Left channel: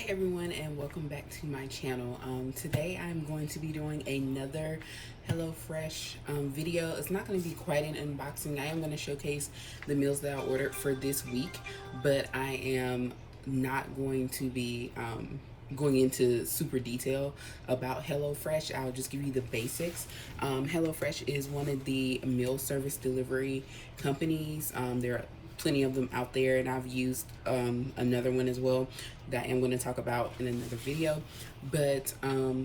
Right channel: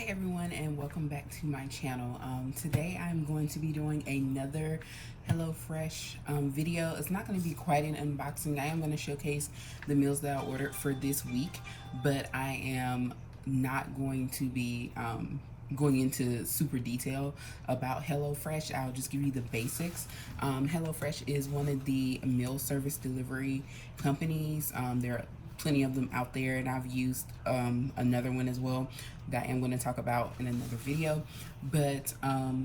Hi everyone, and welcome back to my channel. Today I'm going to be doing another HelloFresh video. It's not going to be quite an unboxing. I am going to showcase the meals that I ordered for this week, but I am not going to be going into super detail about HelloFresh. I'll just give you the basics. HelloFresh is one of the meal service delivery companies. There are plenty of them out there, and I've used another one as well that I'm going to talk about in another video. But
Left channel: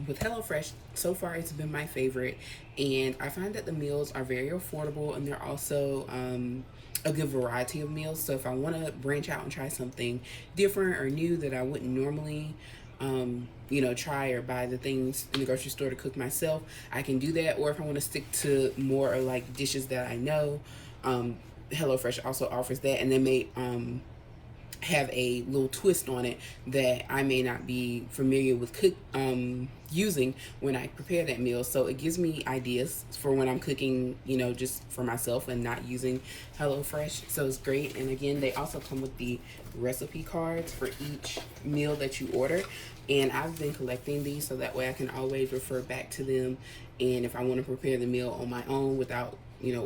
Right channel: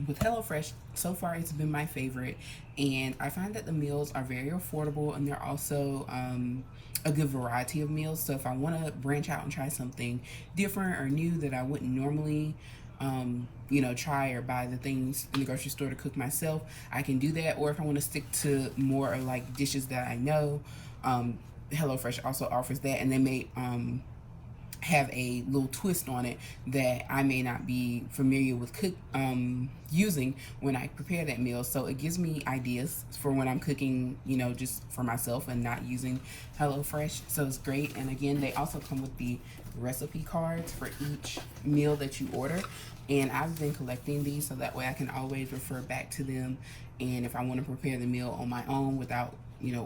with HelloFresh, so far it's been my favorite, and I find that the meals are very affordable, and they're also a good variety of meals. So if I want to branch out and try something different or new that I wouldn't normally try or buy the things in the grocery store to cook myself, I can do that. Or if I want to stick to more like dishes that I know, HelloFresh also offers that, and they may have a little twist on it that I may not be familiar with using when I prepare that meal. So it gives me ideas for when I'm cooking, just for myself and not using HelloFresh. So it's great. And again, they also come with the recipe cards for each meal that you order. And I've been collecting these so that way I can always refer back to them. And if I want to prepare the meal on my own without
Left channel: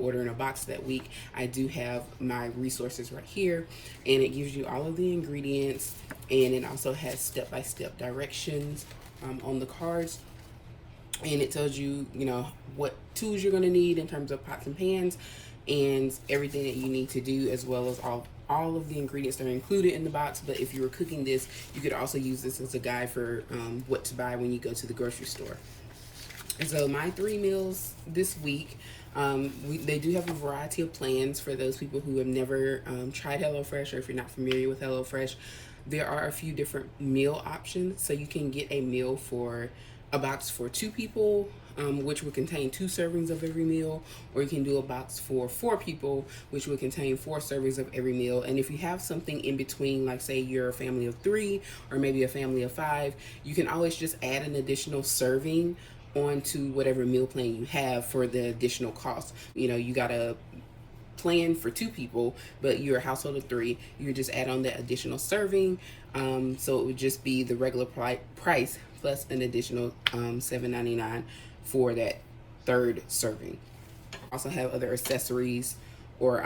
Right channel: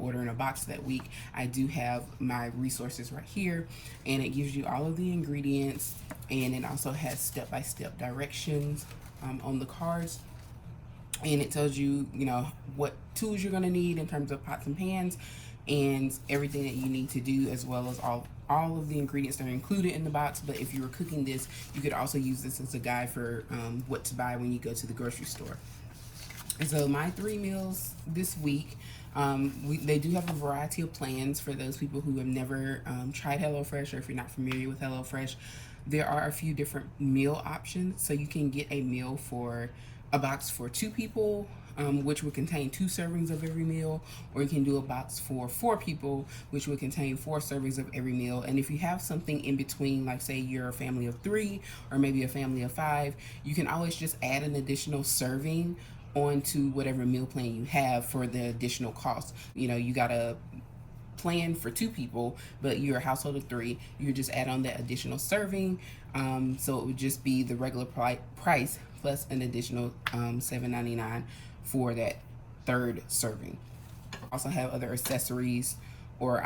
ordering a box that week, I do have my resources right here, and it gives you all of the ingredients, and it also has step-by-step directions on the cards, and it tells you what tools you're going to need in terms of pots and pans and everything that you need to do, as well as all of the ingredients that are included in the box. But if you were cooking this, you could also use this as a guide for what to buy when you go to the grocery store. And so my 3 meals this week, they do have a variety of plans for those people who have never tried HelloFresh, or if you're not familiar with HelloFresh. There are a few different meal options. So you can get a meal for a box for 2 people, which would contain 2 servings of every meal, or you can do a box for 4 people, which would contain 4 servings of every meal. And if you have something in between, like say you're a family of 3 or maybe a family of 5, you can always just add an additional serving onto whatever meal plan you have for the additional cost. You got a plan for 2 people, but you're a household of 3, you just add on that additional serving. So it would just be the regular price plus an additional $7.99 for that 3rd serving. Also have other accessories or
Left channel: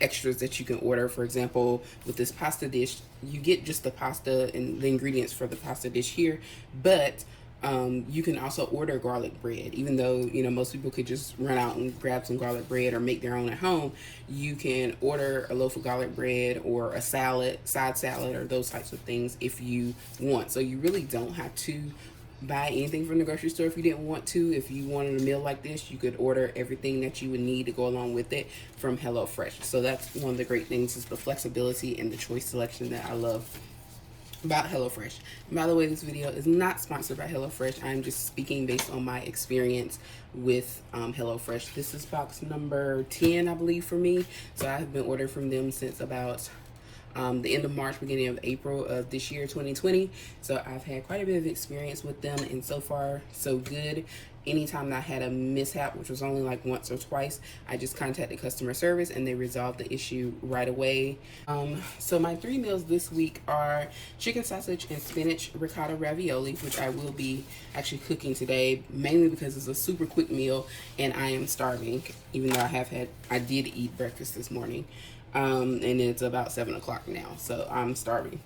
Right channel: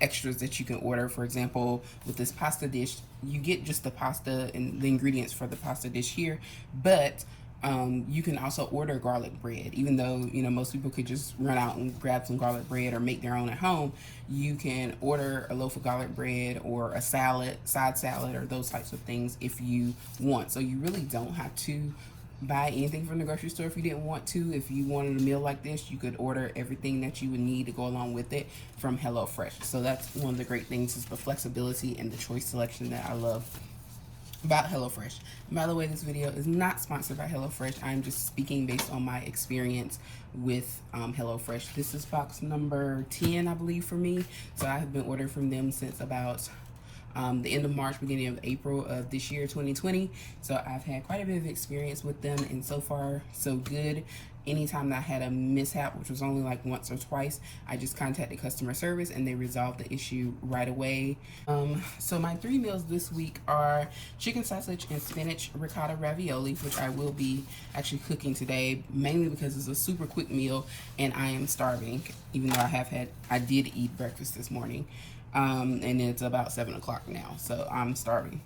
extras that you can order. For example, with this pasta dish, you get just the pasta and the ingredients for the pasta dish here, but you can also order garlic bread. Even though most people could just run out and grab some garlic bread or make their own at home, you can order a loaf of garlic bread or a side salad, or those types of things if you want. So you really don't have to buy anything from the grocery store if you didn't want to. If you wanted a meal like this, you could order everything that you would need to go along with it from HelloFresh. So that's one of the great things, is the flexibility and the choice selection that I love about HelloFresh. And by the way, this video is not sponsored by HelloFresh. I'm just speaking based on my experience with HelloFresh. This is box number 10, I believe, for me. So I have been ordering from them since about the end of March, beginning of April of this year, 2020. So I've had quite a bit of experience with them, and so far so good. Anytime that I had a mishap, which was only like once or twice, I just contacted customer service and they resolved the issue right away. So my 3 meals this week are chicken sausage and spinach ricotta ravioli, which I will be actually cooking today, mainly because it's a super quick meal and I am starving, even though I did eat breakfast this morning. And it's about 7 o'clock now, so I'm starving.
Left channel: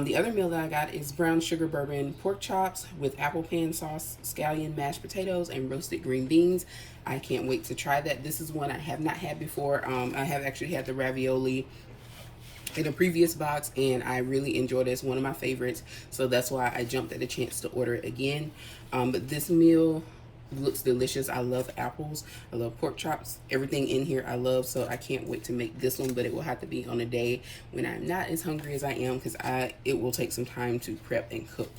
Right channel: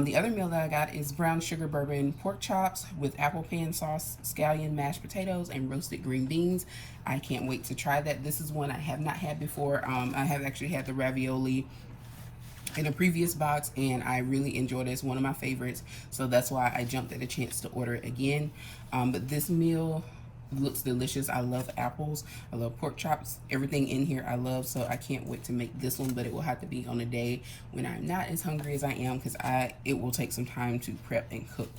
The other meal that I got is brown sugar bourbon pork chops with apple pan sauce, scallion mashed potatoes, and roasted green beans. I can't wait to try that. This is one I have not had before. I have actually had the ravioli in a previous box, and I really enjoyed it. It's one of my favorites, so that's why I jumped at the chance to order it again. But this meal looks delicious. I love apples, I love pork chops, everything in here I love, so I can't wait to make this one. But it will have to be on a day when I'm not as hungry as I am, because it will take some time to prep and cook.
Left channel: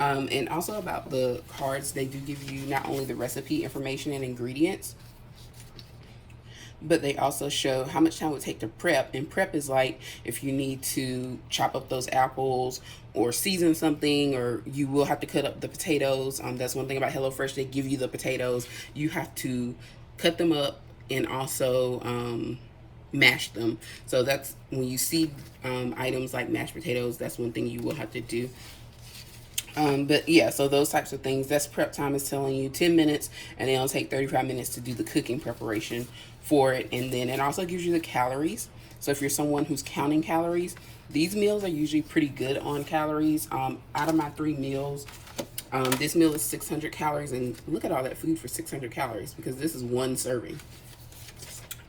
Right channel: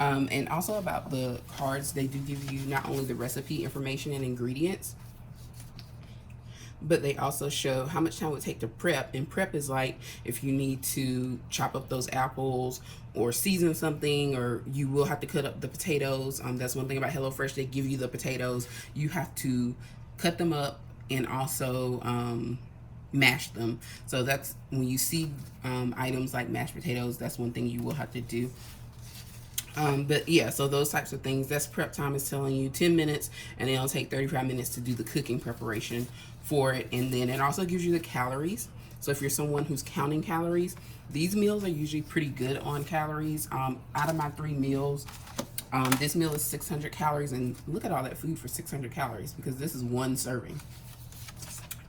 And also about the cards, they do give you not only the recipe information and ingredients, but they also show how much time it would take to prep. And prep is like if you need to chop up those apples or season something, or you will have to cut up the potatoes. That's one thing about HelloFresh, they give you the potatoes. You have to cut them up and also mash them. So that's when you see items like mashed potatoes, that's one thing you will have to do. But yeah, so those types of things, that's prep time is telling you 10 minutes, and it'll take 35 minutes to do the cooking preparation for it. And then it also gives you the calories. So if you're someone who's counting calories, these meals are usually pretty good on calories. Out of my 3 meals, this meal is 600 calories, and look at all that food for 600 calories because this is one serving.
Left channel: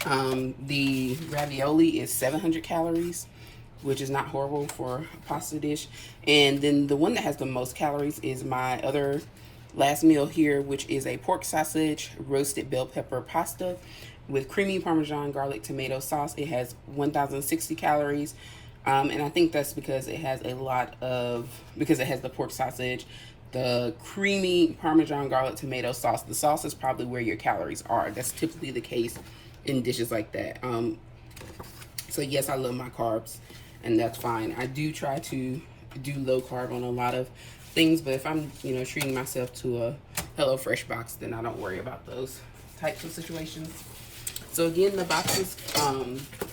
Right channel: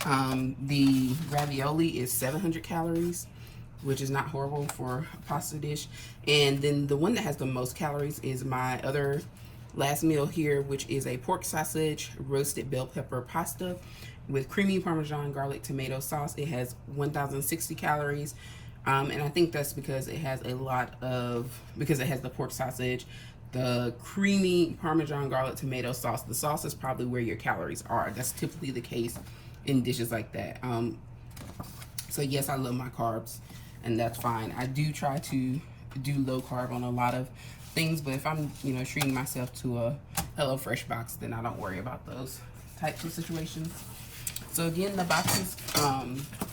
The ravioli is 700 calories, which is not horrible for a pasta dish. And then the one that has the most calories is my other last meal here, which is a pork sausage roasted bell pepper pasta with creamy Parmesan garlic tomato sauce. It has 1,060 calories. And I think that's because it has because it has the pork sausage, the creamy Parmesan garlic tomato sauce. The sauce is probably where your calories are. That's typically the case in dishes like that. So yes, I love my carbs, and that's fine. I do try to do low carb on a lot of things, but if I'm, treating myself to a HelloFresh box, then I don't worry about those types of situations. So again, the boxes,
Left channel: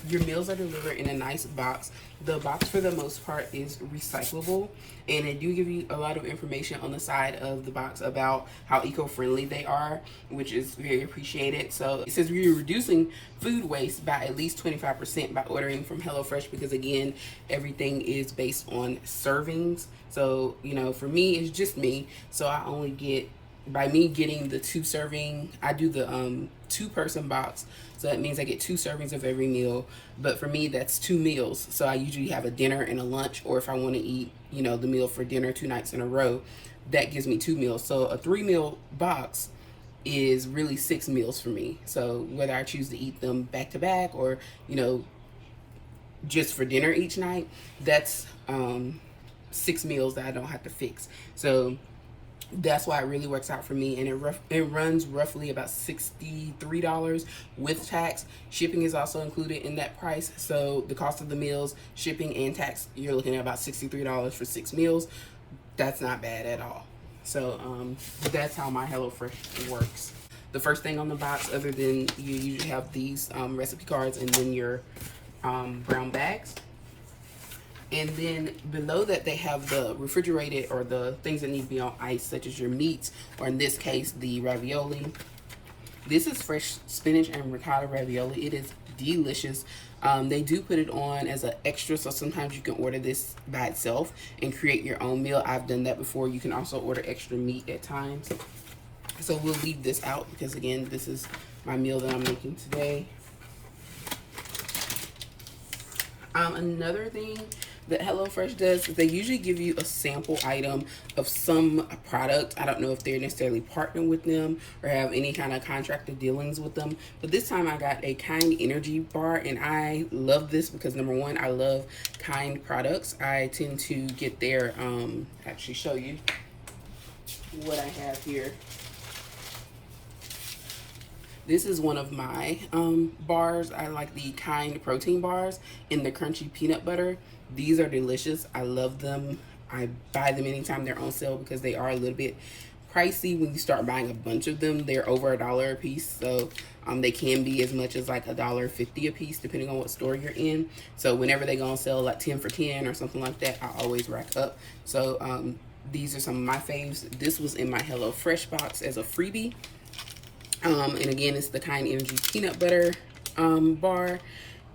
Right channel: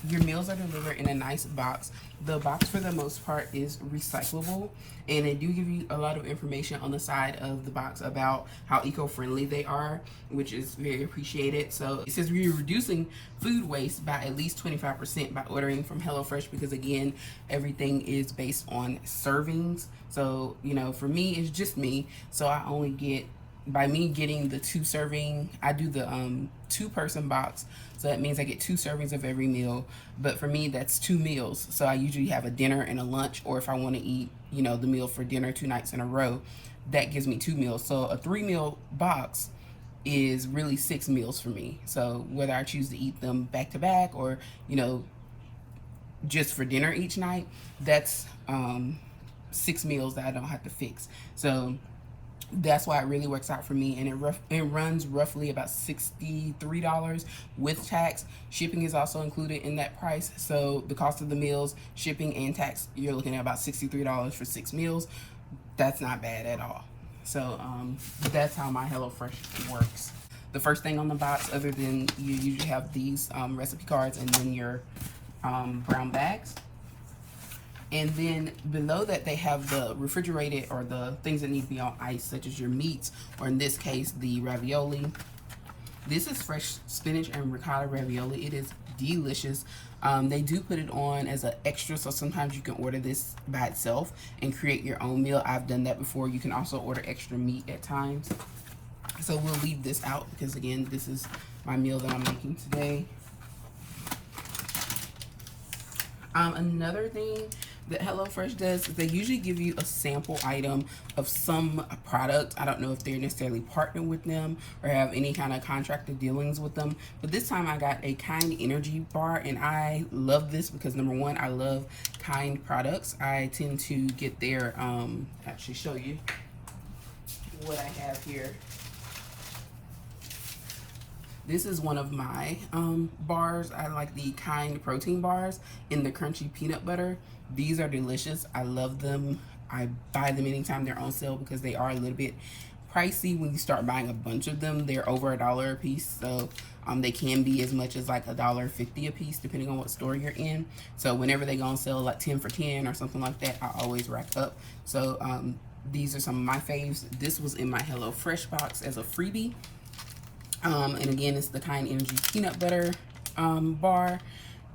your meals are delivered in a nice box. The box for the most part is recyclable, and they do give you a lot of information on the side of the box about how eco-friendly they are, which is very appreciated. So it says we're reducing food waste by at least 25% by ordering from HelloFresh, because again, everything is based on servings. So, for me, it's just me. So I only get, by me getting the 2 serving, I do the 2-person box. So that means I get 2 servings of every meal. But for me, that's 2 meals. So I usually have a dinner and a lunch, or if I want to eat, the meal for dinner 2 nights in a row, that gives me 2 meals. So a 3-meal box is really 6 meals for me. So whether I choose to eat them back to back or, just for dinner each night, that's 6 meals that I don't have to fix. So that's why it really works out for me, and it runs roughly about $63 with tax. Shipping is also included in that price, so the cost of the meals, shipping and tax, you're looking at about $63 for 6 meals. That's not bad at all. So that's how my HelloFresh works. The first thing on the box, other than you usually have these recipe cards and then your brown bags. And then below that, they have the refrigerated, or the things that need to be on ice, such as your meats, or in this case, the ravioli. This is fresh spinach and ricotta ravioli. It is delicious. They do put it on as an extra, so sometimes you can order this by itself and create your own meal. I've done that before. You can also order extra meat at times. So we'll leave this out because, again, this is my meal that I'm making today. Another thing that HelloFresh does is they usually give you a sample item of some product. I don't know if they're necessarily partnered with them or have any kind of contracted dealings with them, but this time I got a Kind energy bar, and I love this because, number one, I love Kind products. I tend to get their actually show you what I have here. This is one of my bars. I like the Kind protein bars in the crunchy peanut butter. These are delicious. I love them. I buy them anytime they're on sale because they are a little bit pricey when you start buying a bunch of them. They're over $1 a piece, so they can be as much as like $1.50 a piece depending on what store you're in. So whenever they go on sale, like 10 for 10 or something like that, I always rack up. So these are some of my faves. This was in my HelloFresh box as a freebie. And again, it's the Kind Energy peanut butter bar,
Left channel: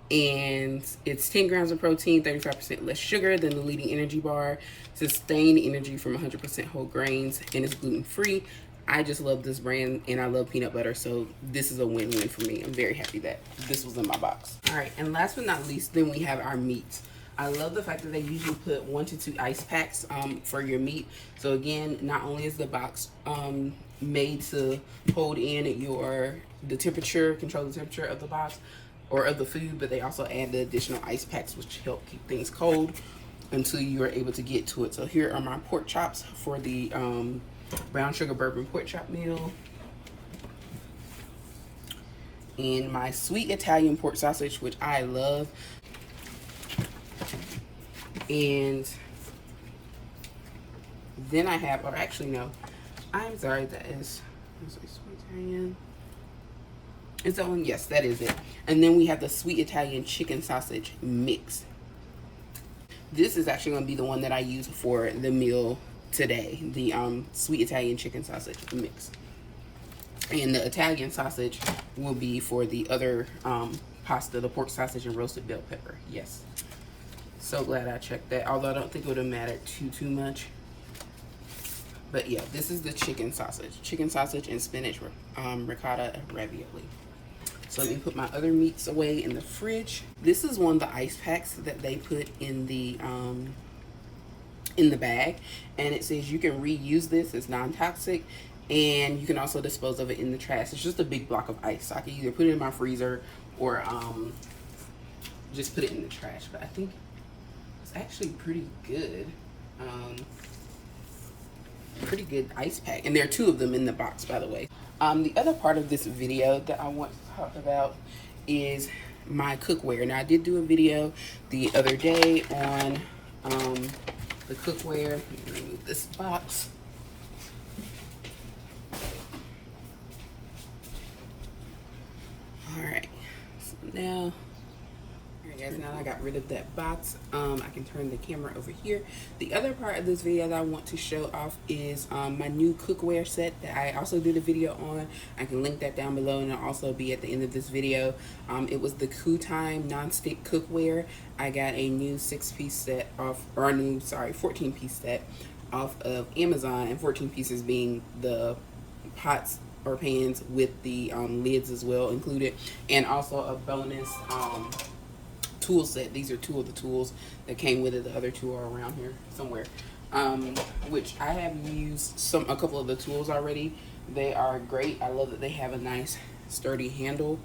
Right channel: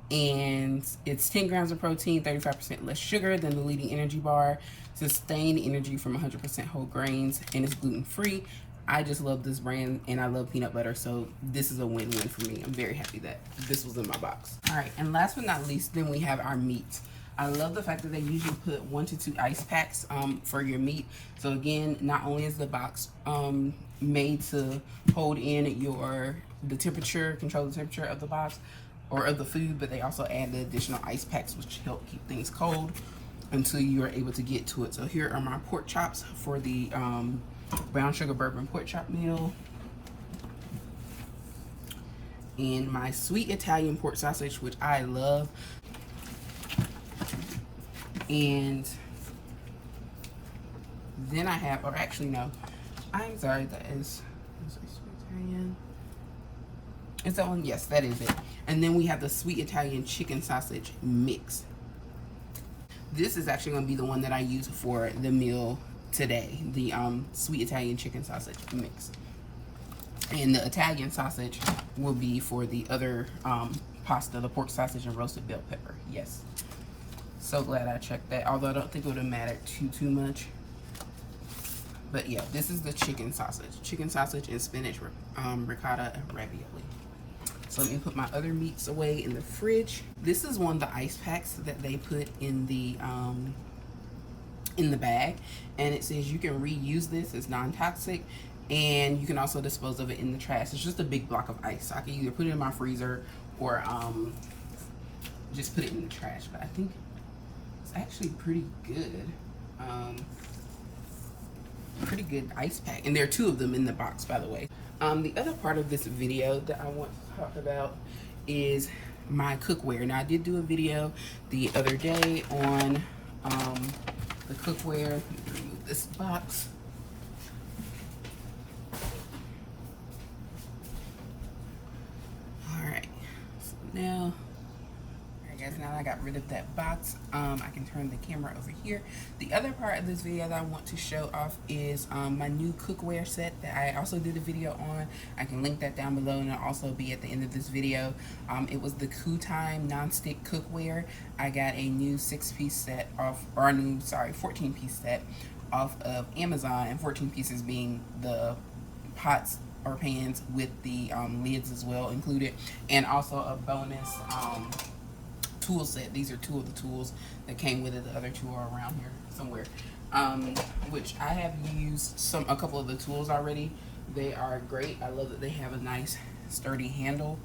and it's 10 grams of protein, 35% less sugar than the leading energy bar, sustained energy from 100% whole grains, and it's gluten-free. I just love this brand, and I love peanut butter, so this is a win-win for me. I'm very happy that this was in my box. All right, and last but not least, then we have our meat. I love the fact that they usually put 1 to 2 ice packs for your meat. So again, not only is the box made to hold in the temperature, control the temperature of the box or of the food, but they also add the additional ice packs, which help keep things cold until you are able to get to it. So here are my pork chops for the brown sugar bourbon pork chop meal, and my sweet Italian pork sausage, which I love. And then I have, or actually no, I'm sorry, that is sweet Italian. Is that one? Yes, that is it. And then we have the sweet Italian chicken sausage mix. This is actually going to be the one that I use for the meal today, the sweet Italian chicken sausage mix. And the Italian sausage will be for the other pasta, the pork sausage and roasted bell pepper. Yes. So glad I checked that, although I don't think it would have mattered too much. But yeah, this is the chicken sausage and spinach ricotta ravioli. So let me put my other meats away in the fridge. This is one of the ice packs that they put in the bag, and it says you can reuse this. It's non-toxic, and you can also dispose of it in the trash. It's just a big block of ice. So I can either put it in my freezer or just put it in the trash. But I think it's actually pretty good. Pretty good ice pack, and there are 2 of them in the box, by the way. The other part of this video that I want to talk about is my cookware. Now, I did do a video the other day on the cookware. Let me remove this box. All right, so now I got rid of that box. I can turn the camera over here. The other part of this video that I want to show off is my new cookware set that I also did a video on. I can link that down below, and it'll also be at the end of this video. It was the Kutime Nonstick Cookware. I got a new 6-piece set off, or a new, 14-piece set off of Amazon, and 14 pieces being the pots or pans with the lids as well included, and also a bonus tool set. These are 2 of the tools that came with it. The other 2 are around here somewhere, which I have used a couple of the tools already. They are great. I love that they have a nice sturdy handle.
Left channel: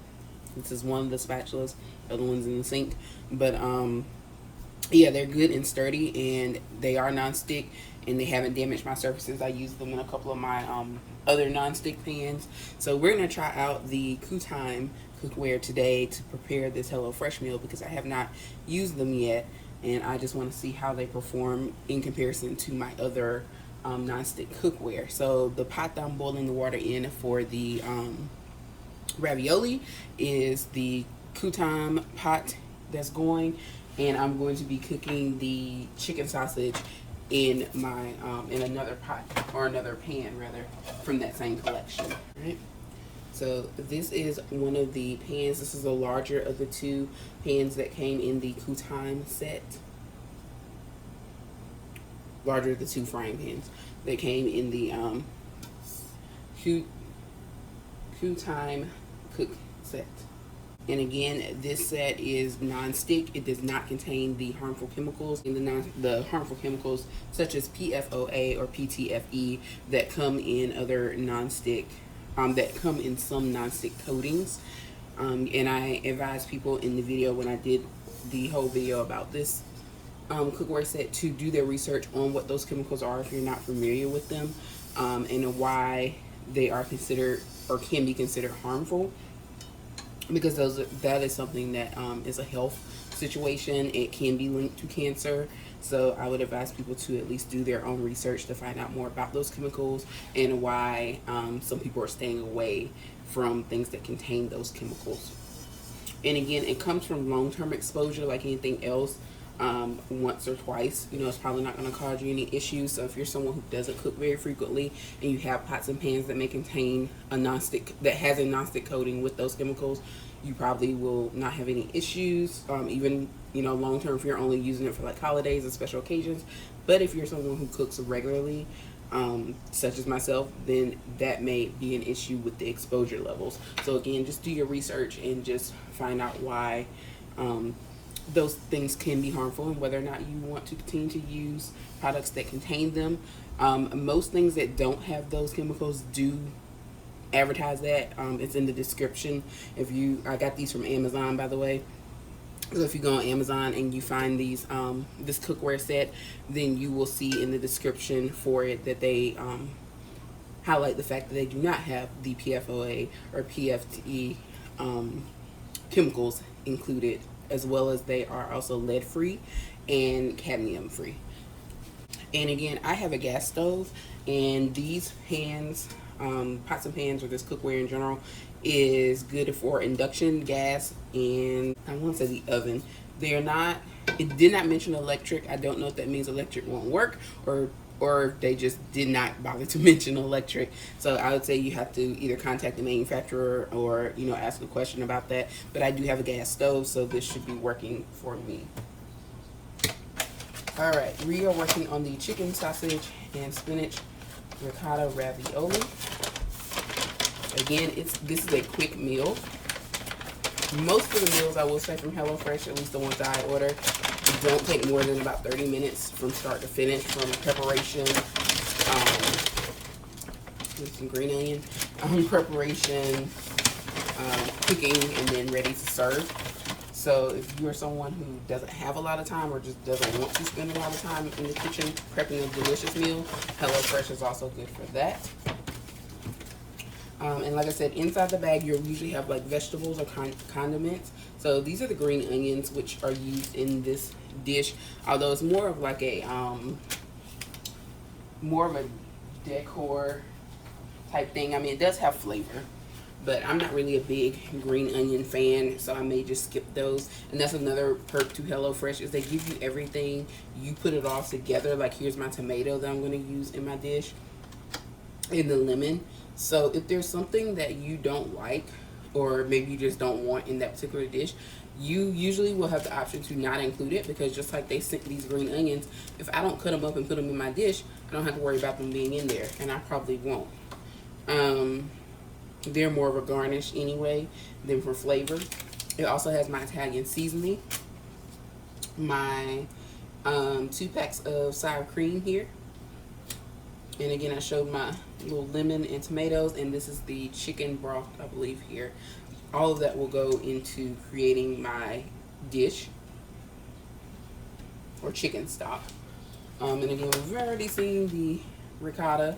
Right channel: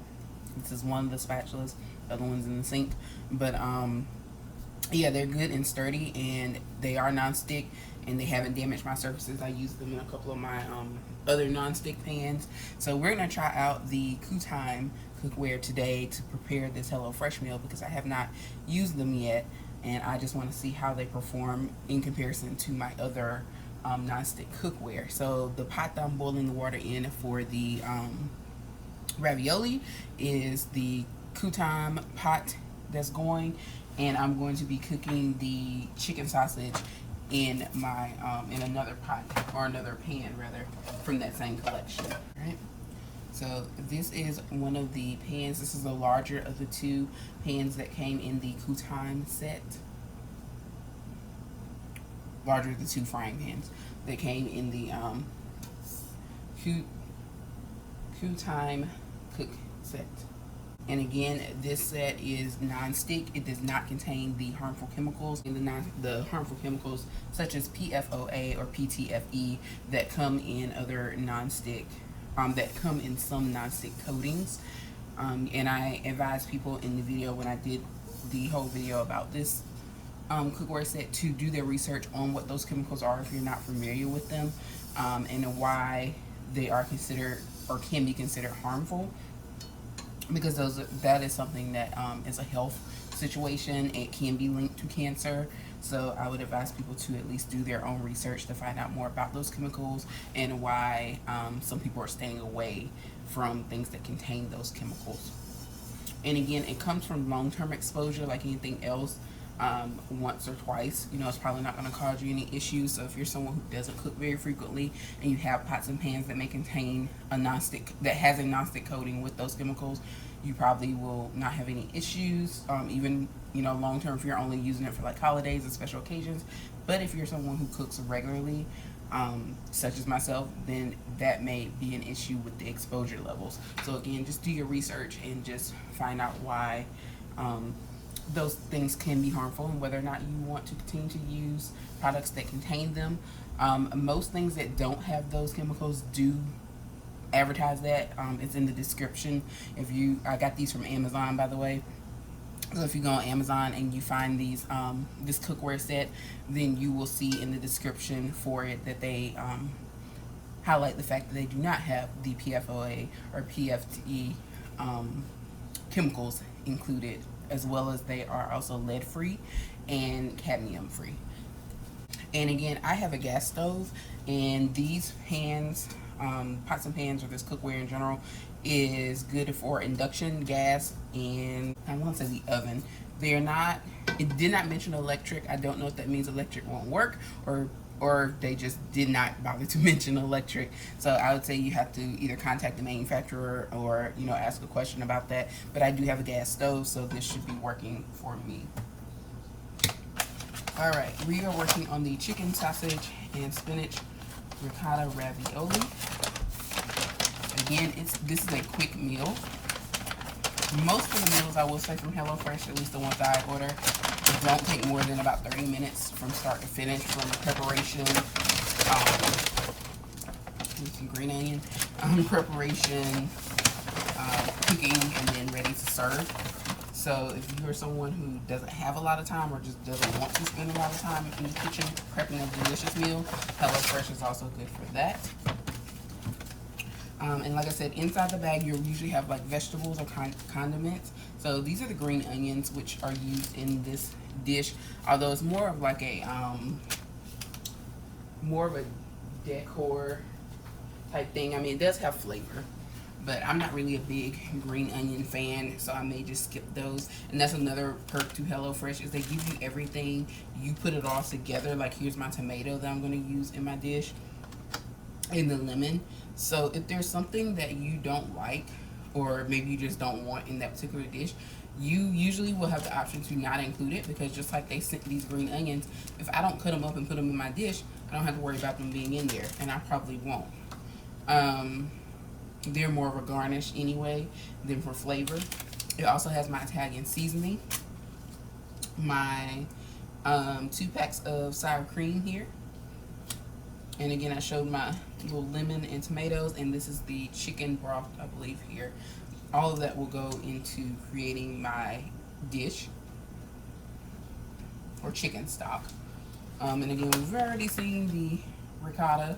This is one of the spatulas, the other one's in the sink, but yeah, they're good and sturdy, and they are non-stick, and they haven't damaged my surfaces. I used them in a couple of my other non-stick pans. So we're gonna try out the Kutime cookware today to prepare this HelloFresh meal, because I have not used them yet, and I just want to see how they perform in comparison to my other non-stick cookware. So the pot that I'm boiling the water in for the ravioli is the Kutime pot that's going, and I'm going to be cooking the chicken sausage in my in another pot, or another pan rather, from that same collection. All right. So this is one of the pans. This is the larger of the 2 pans that came in the Kutime set. Larger of the 2 frying pans that came in the Kutime cook set. And again, this set is non-stick. It does not contain the harmful chemicals, the harmful chemicals such as PFOA or PTFE that come in other non-stick. That come in some non-stick coatings, and I advise people in the video, when I did the whole video about this cookware set, to do their research on what those chemicals are if you're not familiar with them, and why they are considered or can be considered harmful, because that is something that is a health situation. It can be linked to cancer. So I would advise people to at least do their own research to find out more about those chemicals, and why some people are staying away from things that contain those chemicals. And again, it comes from long-term exposure like anything else. Once or twice, it's probably not going to cause you any issues. So if you're someone who doesn't cook very frequently, and you have pots and pans that may contain a non-stick, that has a non-stick coating with those chemicals, you probably will not have any issues, even long term, if you're only using it for like holidays and special occasions. But if you're someone who cooks regularly, such as myself, then that may be an issue with the exposure levels. So again, just do your research and just find out why those things can be harmful, and whether or not you want to continue to use products that contain them. Most things that don't have those chemicals do advertise that. It's in the description. I got these from Amazon, by the way. So if you go on Amazon and you find these this cookware set, then you will see in the description for it that they highlight the fact that they do not have the PFOA or PFTE chemicals included, as well as they are also lead free and cadmium free. And again, I have a gas stove, and these pans, pots and pans, or this cookware in general, is good for induction, gas, and I want to say the oven. They're not, it did not mention electric. I don't know if that means electric won't work, or they just did not bother to mention electric. So I would say you have to either contact the manufacturer or, you know, ask a question about that. But I do have a gas stove, so this should be working for me. All right, we are working on the chicken sausage and spinach ricotta ravioli. Again, this is a quick meal. Most of the meals, I will say, from HelloFresh, at least the ones I order, don't take more than about 30 minutes from start to finish, from preparation, with some green onion, preparation, cooking, and then ready to serve. So if you're someone who doesn't have a lot of time or just doesn't want to spend a lot of time in the kitchen prepping a delicious meal, HelloFresh is also good for that. And like I said, inside the bag, you'll usually have like vegetables or condiments. So these are the green onions, which are used in this dish. Although it's more of like a decor type thing. I mean, it does have flavor, but I'm not really a big green onion fan, so I may just skip those. And that's another perk to HelloFresh, is they give you everything. You put it all together. Like, here's my tomato that I'm going to use in my dish, and the lemon. So if there's something that you don't like, or maybe you just don't want in that particular dish, you usually will have the option to not include it, because just like they sent these green onions, if I don't cut them up and put them in my dish, I don't have to worry about them being in there, and I probably won't. They're more of a garnish anyway than for flavor. It also has my Italian seasoning, my 2 packs of sour cream here, and again I showed my little lemon and tomatoes, and this is the chicken broth, I believe, here. All of that will go into creating my dish, or chicken stock. And again, we've already seen the ricotta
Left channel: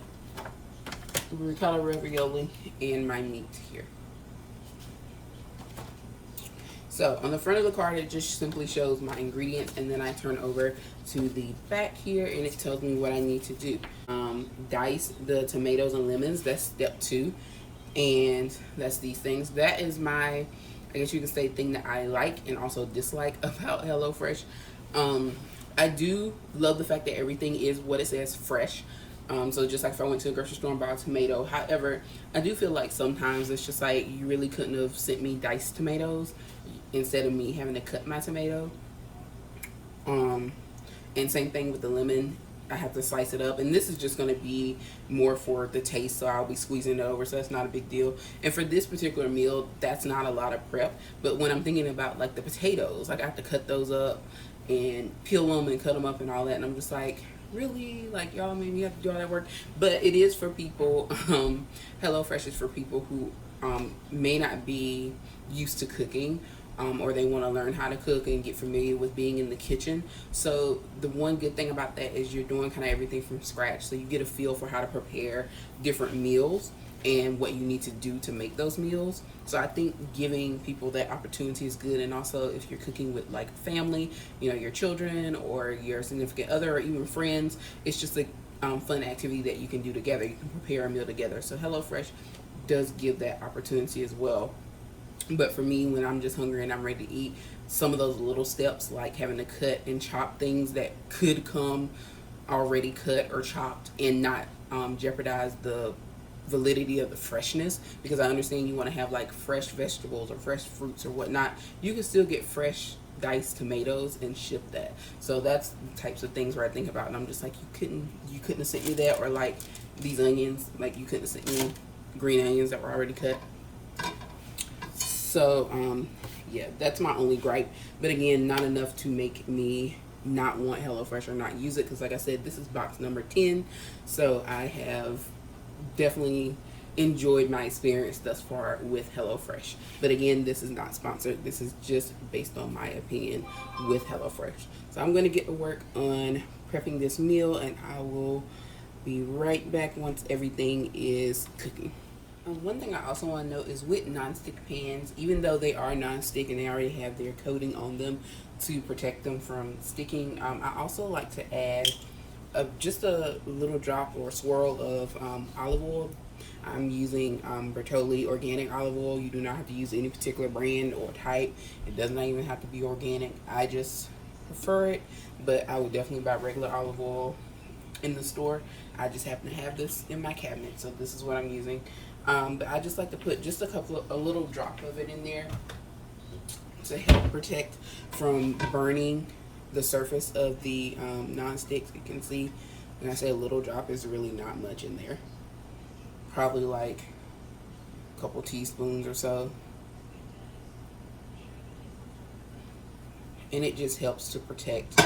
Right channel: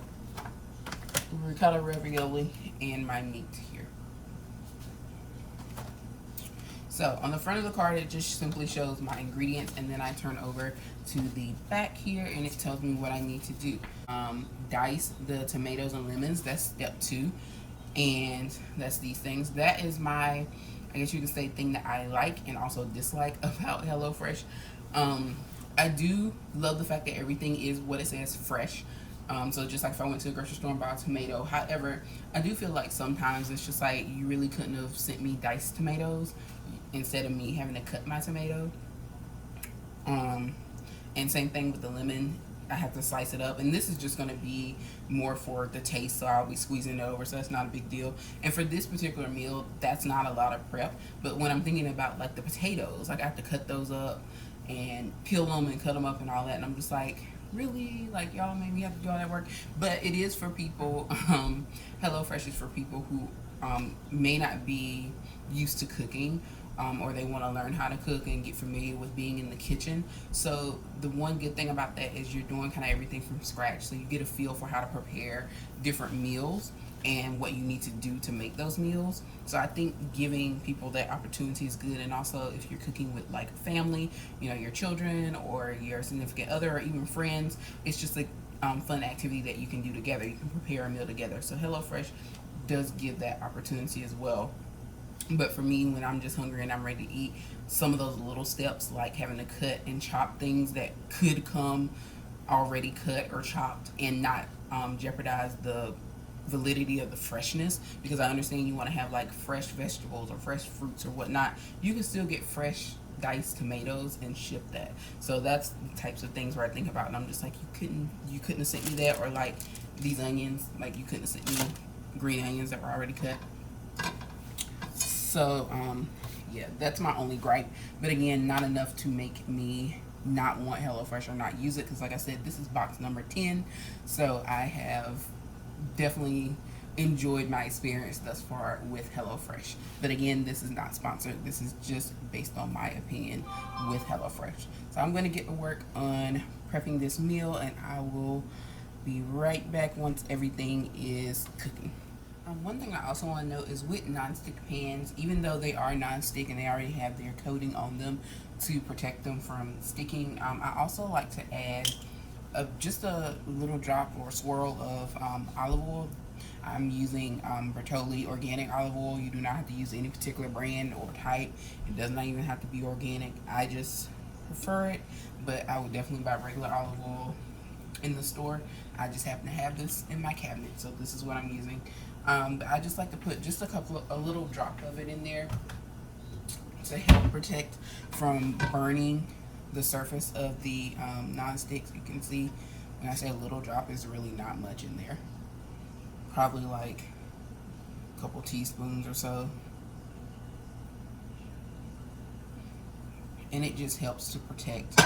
ravioli and my meat here. So on the front of the card, it just simply shows my ingredients, and then I turn over to the back here and it tells me what I need to do. Dice the tomatoes and lemons, that's step 2, and that's these things. That is my, I guess you can say, thing that I like and also dislike about HelloFresh. I do love the fact that everything is what it says, fresh. So just like if I went to the grocery store and bought a tomato. However, I do feel like sometimes it's just like, you really couldn't have sent me diced tomatoes instead of me having to cut my tomato. And same thing with the lemon. I have to slice it up, and this is just going to be more for the taste, so I'll be squeezing it over, so that's not a big deal. And for this particular meal, that's not a lot of prep. But when I'm thinking about like the potatoes, like I have to cut those up and peel them and cut them up and all that, and I'm just like, really? Like, y'all made me have to do all that work? But it is for people, HelloFresh is for people who may not be used to cooking, or they want to learn how to cook and get familiar with being in the kitchen. So the one good thing about that is you're doing kind of everything from scratch, so you get a feel for how to prepare different meals and what you need to do to make those meals. So I think giving people that opportunity is good. And also, if you're cooking with like family, you know, your children or your significant other or even friends, it's just a fun activity that you can do together. You can prepare a meal together. So HelloFresh does give that opportunity as well. But for me, when I'm just hungry and I'm ready to eat, some of those little steps, like having to cut and chop things that could come already cut or chopped and not jeopardize the validity of the freshness, because I understand you want to have like fresh vegetables or fresh fruits or whatnot. You can still get fresh diced tomatoes and ship that. So that's the types of things where I think about, and I'm just like, you couldn't have sent me that, or like these onions, like you couldn't have sent me green onions that were already cut. So yeah, that's my only gripe. But again, not enough to make me not want HelloFresh or not use it, because like I said, this is box number 10, so I have definitely enjoyed my experience thus far with HelloFresh. But again, this is not sponsored. This is just based on my opinion with HelloFresh. So I'm going to get to work on prepping this meal, and I will be right back once everything is cooking. One thing I also want to note is with nonstick pans, even though they are nonstick and they already have their coating on them to protect them from sticking, I also like to add just a little drop or swirl of olive oil. I'm using Bertolli organic olive oil. You do not have to use any particular brand or type. It does not even have to be organic. I just prefer it, but I would definitely buy regular olive oil in the store. I just happen to have this in my cabinet, so this is what I'm using. But I just like to put just a little drop of it in there to help protect from burning the surface of the non-sticks. You can see when I say a little drop, is really not much in there. Probably like a couple teaspoons or so. And it just helps to protect.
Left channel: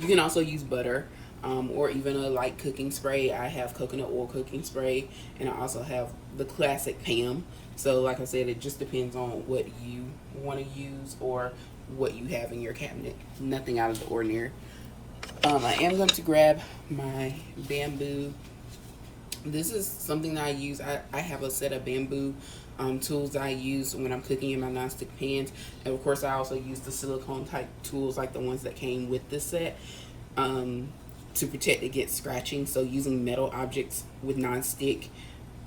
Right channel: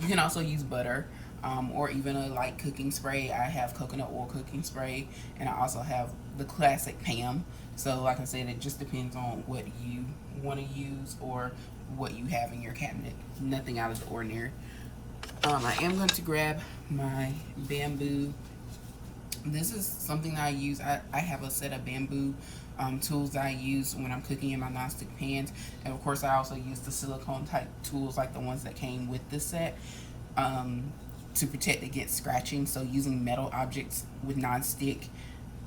You can also use butter or even a light cooking spray. I have coconut oil cooking spray, and I also have the classic Pam. So like I said, it just depends on what you want to use or what you have in your cabinet. Nothing out of the ordinary. I am going to grab my bamboo. This is something that I use. I have a set of bamboo tools that I use when I'm cooking in my nonstick pans. And of course, I also use the silicone type tools like the ones that came with the set to protect against scratching. So using metal objects with nonstick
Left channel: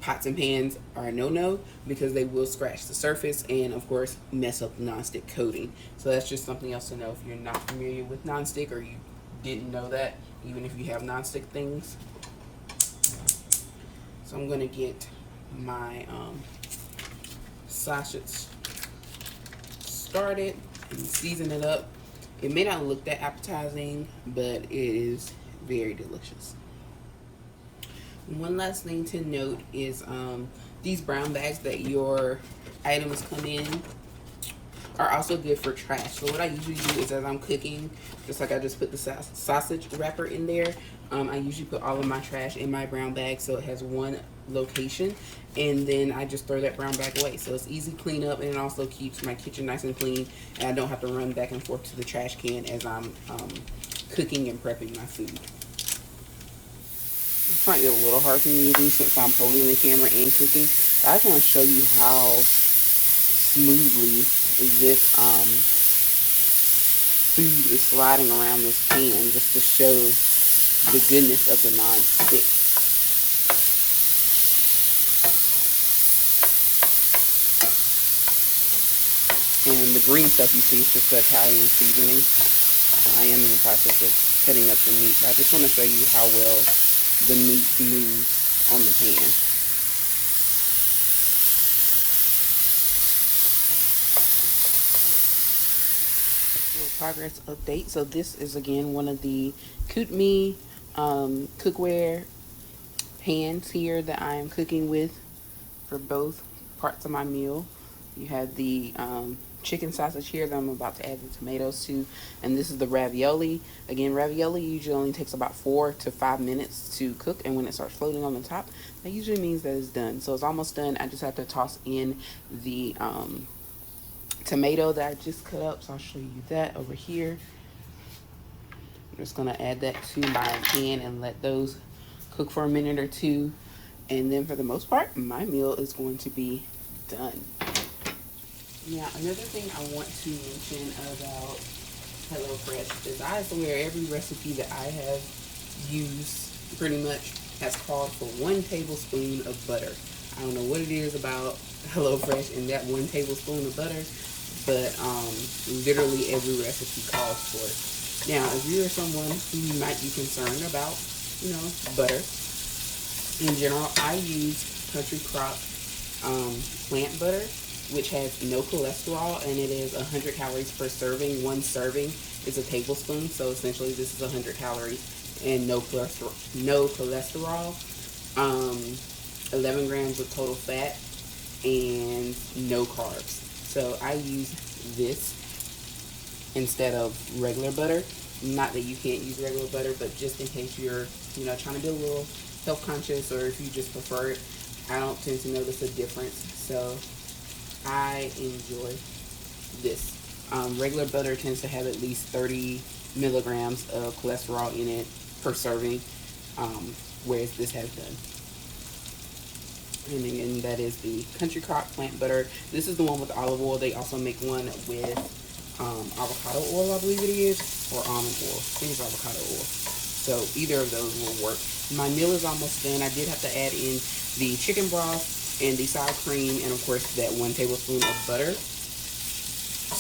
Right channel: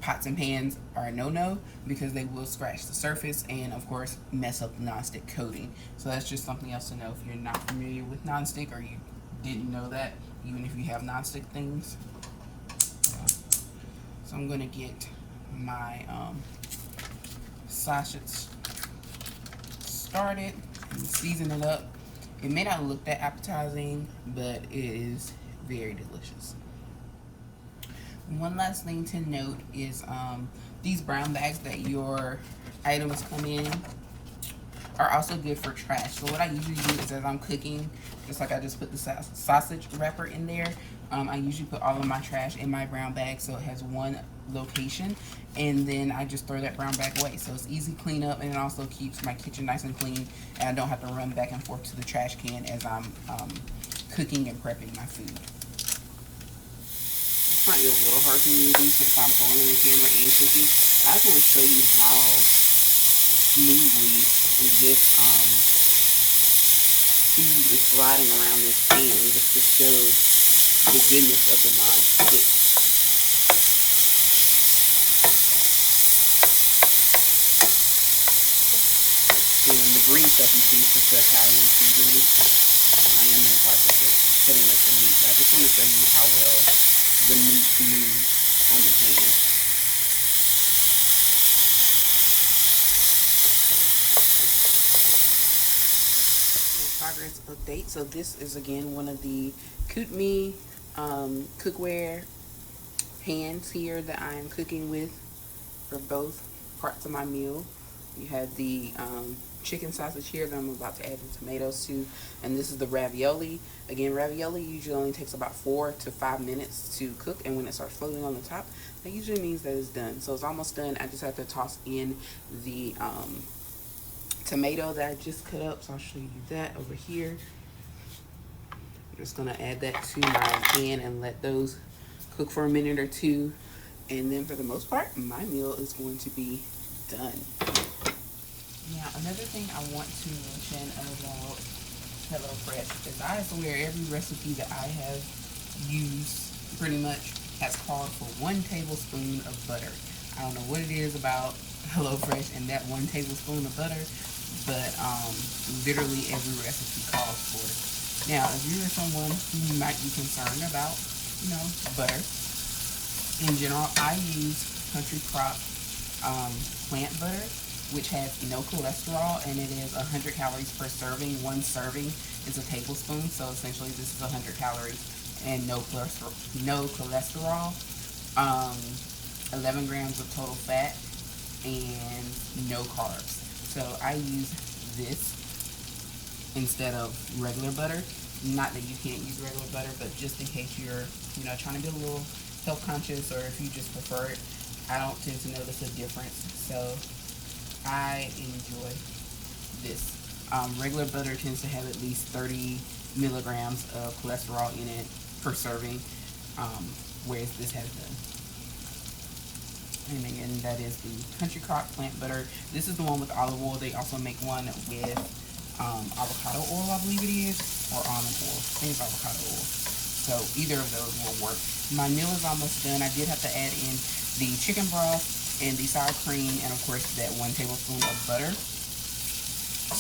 pots and pans are a no-no because they will scratch the surface and of course mess up the nonstick coating. So that's just something else to know if you're not familiar with nonstick or you didn't know that, even if you have nonstick things. So I'm gonna get my sausage started and season it up. It may not look that appetizing, but it is very delicious. One last thing to note is these brown bags that your items come in are also good for trash. So what I usually do is as I'm cooking, just like I just put the sausage wrapper in there, I usually put all of my trash in my brown bag so it has one location, and then I just throw that brown bag away. So it's easy cleanup, and it also keeps my kitchen nice and clean, and I don't have to run back and forth to the trash can as I'm cooking and prepping my food. This might be a little hard for me to do since I'm holding the camera and cooking. I just want to show you how smoothly this food is sliding around this pan, just to show the goodness of the non-stick. And the green stuff you see is just the Italian seasoning. I am in the process of cutting up the meat, but I just want to show you how well the meat moves on the pan. Progress update. So this is again one of the Kutime cookware pans here that I am cooking with for both parts of my meal. You have the chicken sausage here that I'm about to add the tomatoes to, and this is the ravioli. Again, ravioli usually only takes about 4 to 5 minutes to cook, and when it starts floating on the top, that usually means that it's done. So it's almost done. I just have to toss in the tomato that I just cut up, so I'll show you that over here. I'm just gonna add that to my pan and let those cook for a minute or two, and then for the most part, my meal is going to be done. Now, another thing I want to mention about HelloFresh is I swear every recipe that I have used pretty much has called for 1 tablespoon of butter. I don't know what it is about HelloFresh and that 1 tablespoon of butter, but literally every recipe calls for it. Now, if you're someone who might be concerned about, butter in general, I use Country Crock plant butter, which has no cholesterol, and it is 100 calories per serving. 1 serving is a tablespoon, so essentially this is 100 calories and no cholesterol. 11 grams of total fat and no carbs. So I use this instead of regular butter. Not that you can't use regular butter, but just in case you're, trying to be a little health conscious, or if you just prefer it. I don't tend to notice a difference, so I enjoy this. Regular butter tends to have at least 30 milligrams of cholesterol in it per serving, whereas this has none. And again, that is the Country Crock plant butter. This is the one with olive oil. They also make one with avocado oil, I believe it is, or almond oil. I think it's avocado oil. So either of those will work. My meal is almost done. I did have to add in the chicken broth and the sour cream, and of course that 1 tablespoon of butter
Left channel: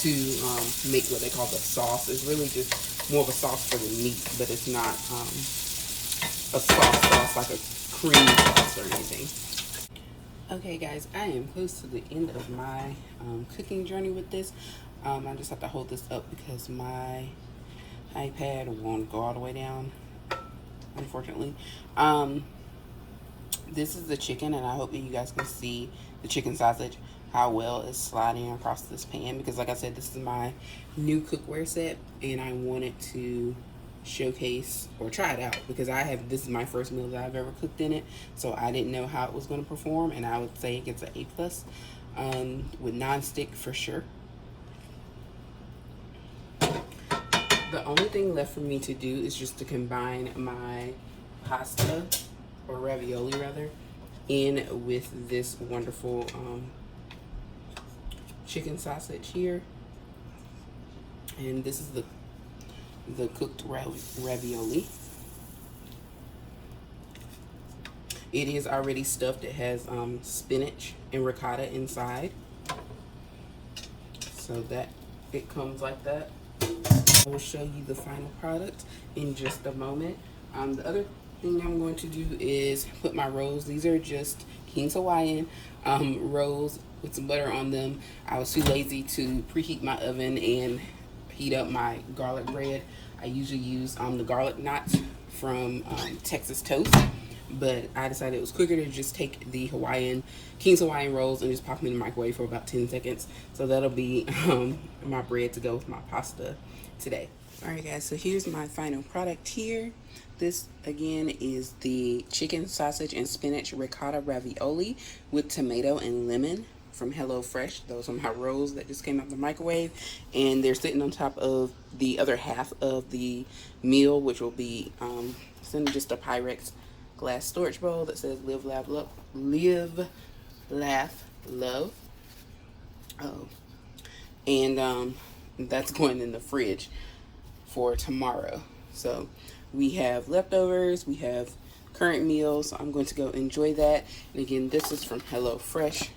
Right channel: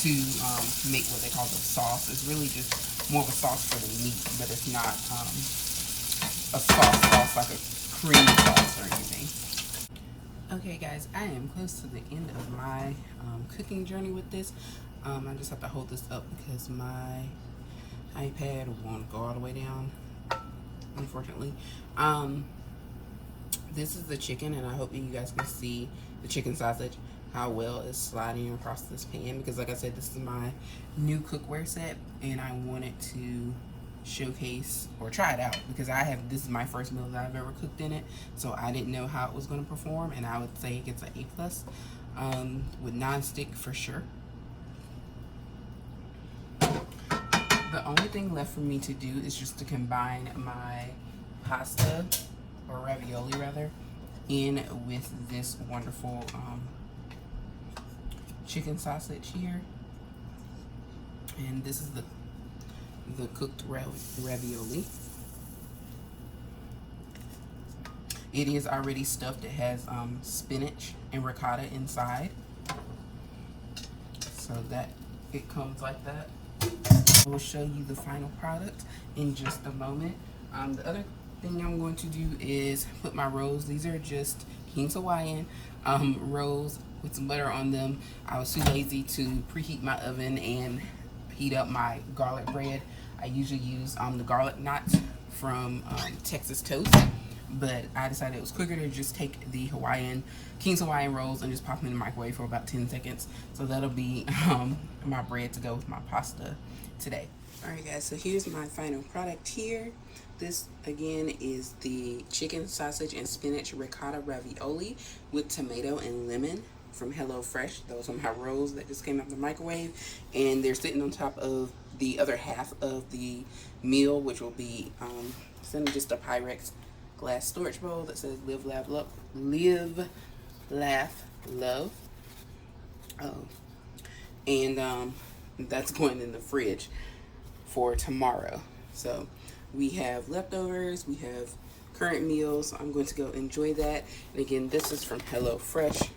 to make what they call the sauce. It's really just more of a sauce for the meat, but it's not a sauce like a cream sauce or anything. Okay guys, I am close to the end of my cooking journey with this. I just have to hold this up because my iPad won't go all the way down, unfortunately. This is the chicken, and I hope that you guys can see the chicken sausage, how well it's sliding across this pan, because like I said, this is my new cookware set and I wanted to showcase or try it out because this is my first meal that I've ever cooked in it, so I didn't know how it was going to perform, and I would say it gets an A+ with non-stick for sure. The only thing left for me to do is just to combine my pasta, or ravioli rather, in with this wonderful chicken sausage here. And this is the cooked ravioli. It is already stuffed. It has spinach and ricotta inside, so that it comes like that. I will show you the final product in just a moment. The other thing I'm going to do is put my rolls. These are just King's Hawaiian rolls with some butter on them. I was too lazy to preheat my oven and heat up my garlic bread. I usually use the garlic knots from Texas Toast, but I decided it was quicker to just take the King's Hawaiian rolls and just pop them in the microwave for about 10 seconds. So that'll be my bread to go with my pasta today. Alright guys, so here's my final product here. This again is the chicken sausage and spinach ricotta ravioli with tomato and lemon from HelloFresh. Those are my rolls that just came out of the microwave, and they're sitting on top of the other half of the meal, which will be in just a Pyrex glass storage bowl that says live, laugh, love. Oh, and that's going in the fridge for tomorrow. So we have leftovers, we have current meals. So I'm going to go enjoy that. And again, this is from HelloFresh.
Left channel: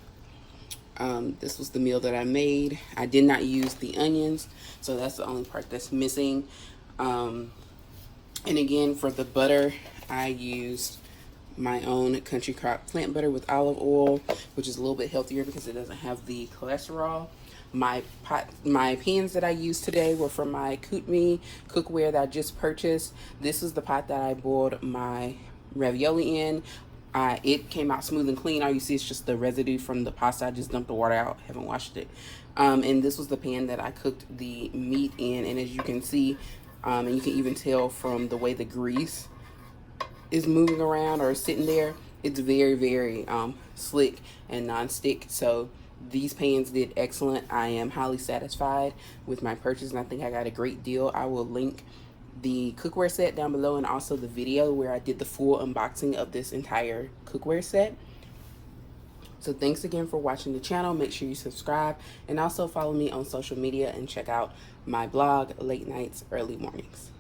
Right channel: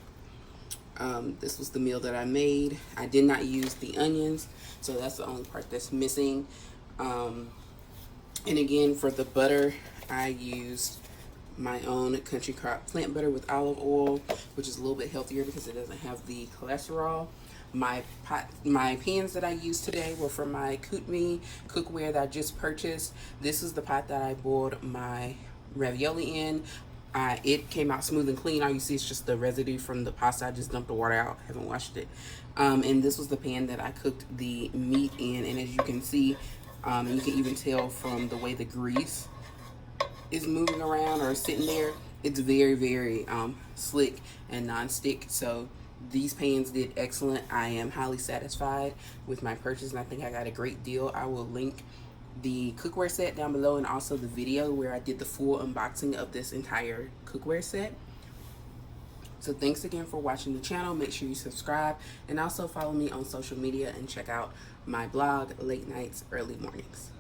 This was the meal that I made. I did not use the onions, so that's the only part that's missing. And again, for the butter, I used my own Country Crock plant butter with olive oil, which is a little bit healthier because it doesn't have the cholesterol. My pans that I used today were from my Kutime cookware that I just purchased. This is the pot that I boiled my ravioli in. It came out smooth and clean. All you see is just the residue from the pasta. I just dumped the water out, haven't washed it. And this was the pan that I cooked the meat in, and as you can see, and you can even tell from the way the grease is moving around or sitting there, it's very, very slick and non-stick. So these pans did excellent. I am highly satisfied with my purchase, and I think I got a great deal. I will link the cookware set down below, and also the video where I did the full unboxing of this entire cookware set. So thanks again for watching the channel. Make sure you subscribe, and also follow me on social media and check out my blog, Late Nights, Early Mornings.